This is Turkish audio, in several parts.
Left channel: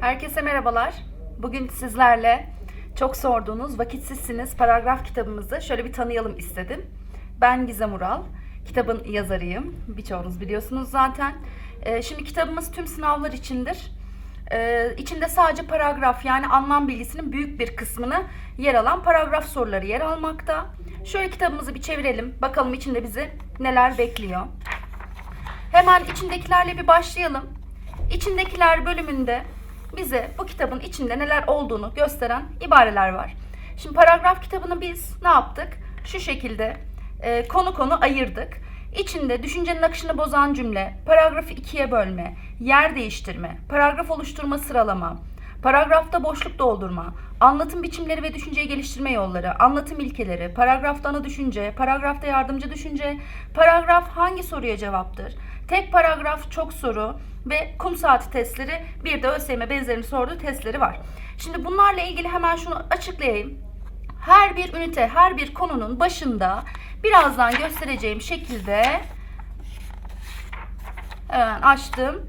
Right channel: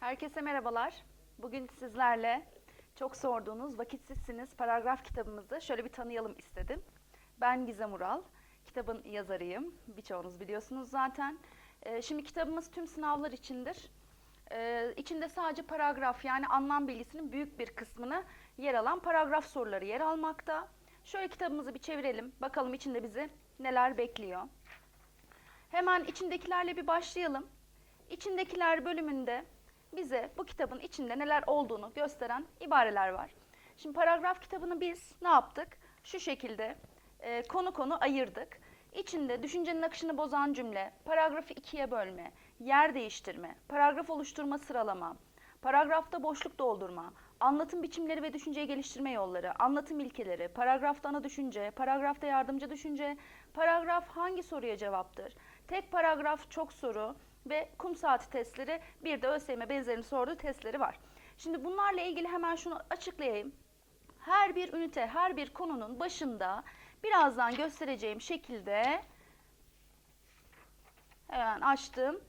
Herkese merhabalar. Bugün sizlerle çok sorduğunuz Vakitsizsiniz paragraf kitabımızı şöyle bir tanıyalım istedim. Ben Gizem Ural. Kitabın yazarıyım. Birçoğunuz biliyorsunuz zaten. Ee, şimdi kitabımız tüm sınavlar içindir. Ee, içinde sadece paragraf yani anlam bilgisinin büyük bir kısmını yer alan paragraf soruları yer almakta. Şöyle kitabımızı bir çevirelim. Bakalım içinde bizi neler bekliyor. Hemen içindekilerle bir başlayalım. İçindekiler bölümünde bize bu kitabın içinde neler olduğunu gösteren ibareler var. Şimdi paragraf kitabını biz ne yaptık? Şu şekilde e, konu konu ayırdık. İçinde düşüncenin akışını bozan cümle, paragrafı ikiye bölme, yer değiştirme, paragraf oluşturma sıralama, paragrafta boşluk doldurma, anlatım biçimleri ve düşünceyi geliştirme yolları, anlatım ilkeleri, paragrafta ana düşünce, paragrafta yardımcı düşünce, paragraf hangi soruya cevaptır, tek paragraf çok soru ve kum saati testleri bir de ÖSYM benzerini sorduğu testleri var. Şimdi bunlarla ilgili hemen şunu açıklayayım. Her bir ünite, her bir konunun başında birazdan göstereceğim şekilde hemen açtım.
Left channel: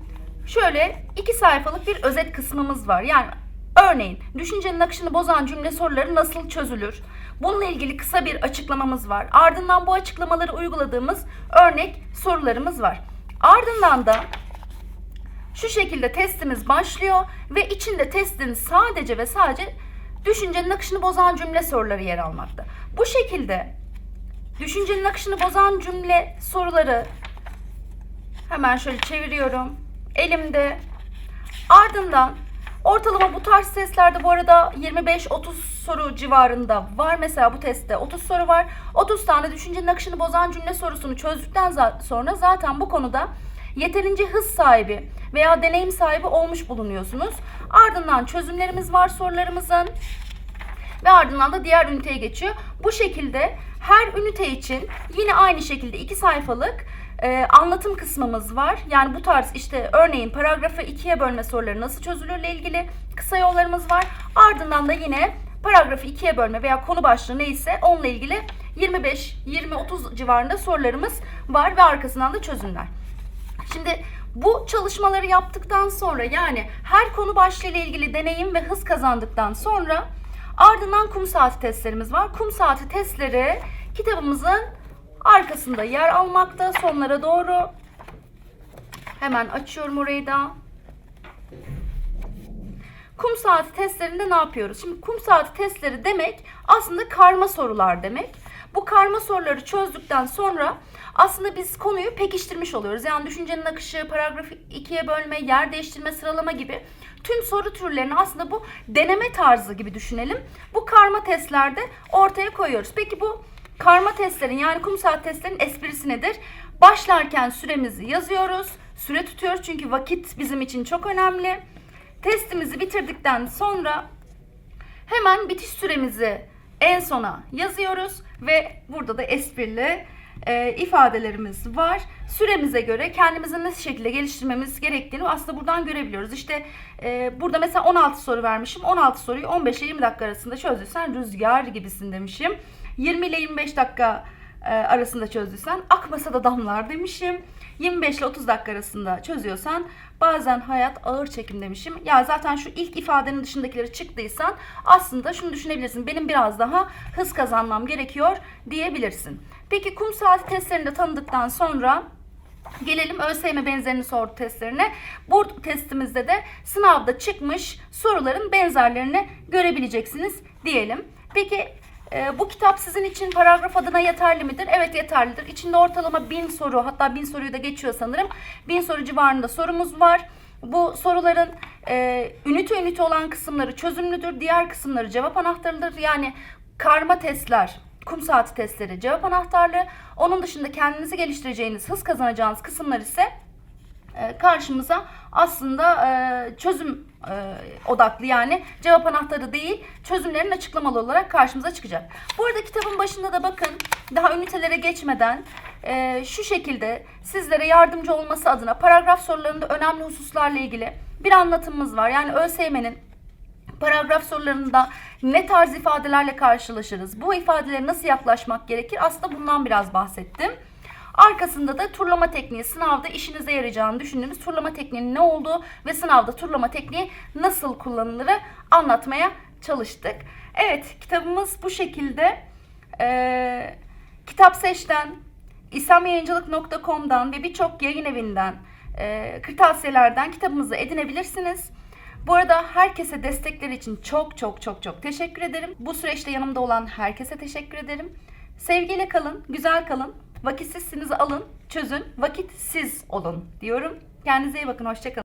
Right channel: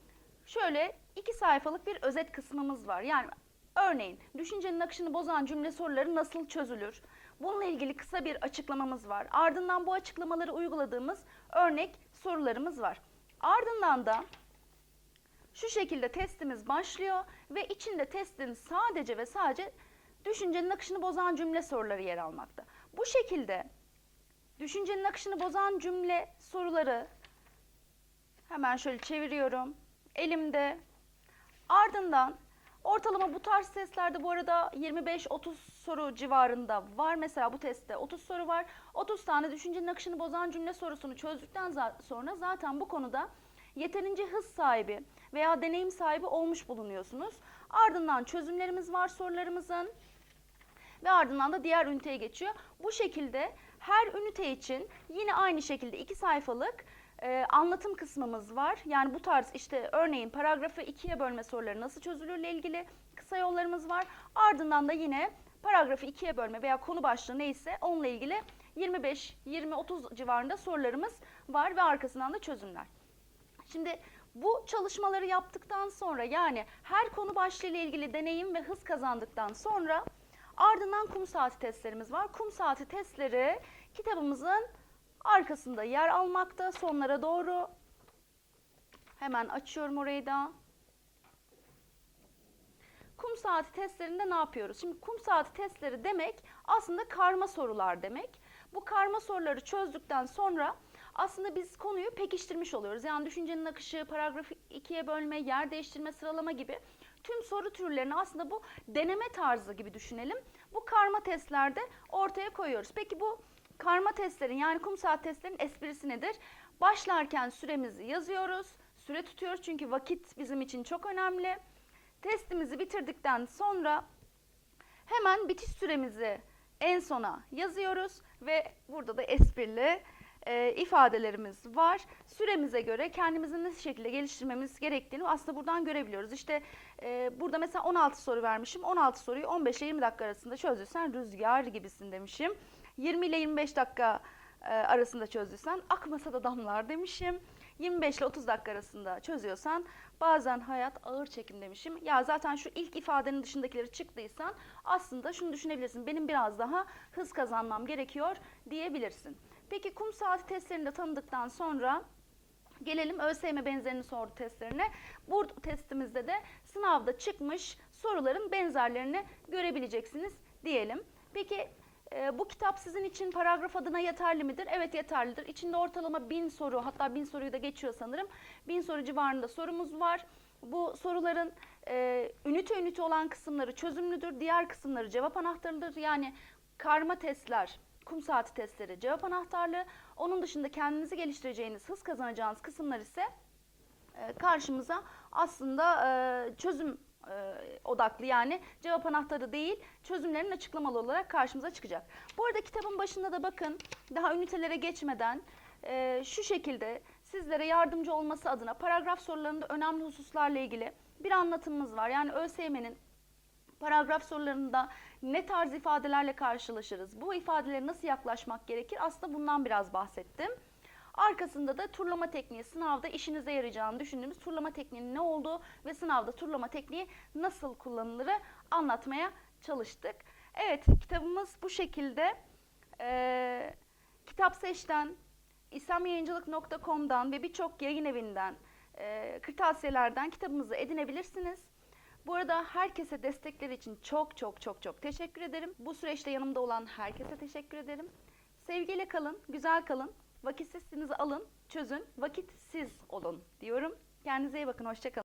Şöyle iki sayfalık bir özet kısmımız var. Yani örneğin düşüncenin akışını bozan cümle soruları nasıl çözülür? Bununla ilgili kısa bir açıklamamız var. Ardından bu açıklamaları uyguladığımız örnek sorularımız var. Ardından da şu şekilde testimiz başlıyor ve içinde testin sadece ve sadece düşüncenin akışını bozan cümle soruları yer almakta. Bu şekilde düşüncenin akışını bozan cümle soruları hemen şöyle çeviriyorum. Elimde. Ardından ortalama bu tarz testlerde bu arada 25-30 soru civarında var. Mesela bu testte 30 soru var. 30 tane düşüncenin akışını bozan cümle sorusunu çözdükten sonra zaten bu konuda yeterince hız sahibi veya deneyim sahibi olmuş bulunuyorsunuz. Ardından çözümlerimiz var sorularımızın ve ardından da diğer üniteye geçiyor. Bu şekilde her ünite için yine aynı şekilde iki sayfalık e, anlatım kısmımız var. Yani bu tarz işte örneğin paragrafı ikiye bölme soruları nasıl çözülürle ilgili kısa yollarımız var. Ardından da yine paragrafı ikiye bölme veya konu başlığı neyse onunla ilgili 25-20-30 civarında sorularımız var ve arkasından da çözümler. Şimdi bu çalışmaları yaptıktan sonra yani her konu başlığıyla ilgili deneyim ve hız kazandıktan sonra ardından kum saati testlerimiz var. Kum saati testleri kitabımızın arkasında yer almakta sonlara doğru. Hemen açıyorum orayı da. Kum saati testlerinde ne yapıyoruz? Şimdi kum saati testleri demek aslında karma sorular demek. Bu karma soruları çözdükten sonra aslında biz konuyu pekiştirmiş oluyoruz. Yani düşüncenin akışı, paragrafı ikiye bölme, yer değiştirme, sıralama gibi tüm soru türlerini aslında bu deneme tarzı gibi düşünelim. Bu karma testlerde ortaya koyuyoruz. Peki bu karma testlerin yani kum saat testlerin esprisi nedir? Başlarken süremizi yazıyoruz. Süre tutuyoruz çünkü vakit bizim için çok önemli. Testimizi bitirdikten sonra hemen bitiş süremizi en sona yazıyoruz ve burada da esprili e, ifadelerimiz var. Süremize göre kendimizi nasıl şekilde geliştirmemiz gerektiğini aslında buradan görebiliyoruz. İşte e, burada mesela 16 soru vermişim. 16 soruyu 15 ile 20 dakika arasında çözdüysen rüzgar gibisin demişim. 20 ile 25 dakika e, arasında çözdüysen akmasa da damlar demişim. 25 ile 30 dakika arasında çözüyorsan bazen hayat ağır çekim demişim. Ya zaten şu ilk ifadenin dışındakileri çıktıysan aslında şunu düşünebilirsin. Benim biraz daha hız kazanmam gerekiyor diyebilirsin. Peki kum saati testlerini de tanıdıktan sonra Gelelim ÖSYM benzerini sordu testlerine. Bu testimizde de sınavda çıkmış soruların benzerlerini görebileceksiniz diyelim. Peki e, bu kitap sizin için paragraf adına yeterli midir? Evet yeterlidir. İçinde ortalama 1000 soru hatta 1000 soruyu da geçiyor sanırım. 1000 soru civarında sorumuz var. Bu soruların e, ünite ünite olan kısımları çözümlüdür. Diğer kısımları cevap anahtarıdır. Yani karma testler, kum saati testleri cevap anahtarlığı. Onun dışında kendinizi geliştireceğiniz, hız kazanacağınız kısımlar ise karşımıza aslında e, çözüm e, odaklı yani cevap anahtarı değil çözümlerin açıklamalı olarak karşımıza çıkacak. Bu arada kitabın başında da bakın daha ünitelere geçmeden e, şu şekilde sizlere yardımcı olması adına paragraf sorularında önemli hususlarla ilgili bir anlatımımız var. Yani ÖSYM'nin paragraf sorularında ne tarz ifadelerle karşılaşırız? Bu ifadelere nasıl yaklaşmak gerekir? Aslında bundan biraz bahsettim. Arkasında da turlama tekniği sınavda işinize yarayacağını düşündüğümüz turlama tekniğinin ne olduğu ve sınavda turlama tekniği nasıl kullanılırı anlatmaya çalıştık. Evet kitabımız bu şekilde. Ee, Kitap Seç'ten, İslamyayıncılık.com'dan ve birçok yayın evinden, e, kırtasiyelerden kitabımızı edinebilirsiniz. Bu arada herkese destekleri için çok çok çok çok teşekkür ederim. Bu süreçte yanımda olan herkese teşekkür ederim. Sevgiyle kalın, güzel kalın. Vakitsizsinizi alın, çözün, vakitsiz olun diyorum. Kendinize iyi bakın, hoşçakalın.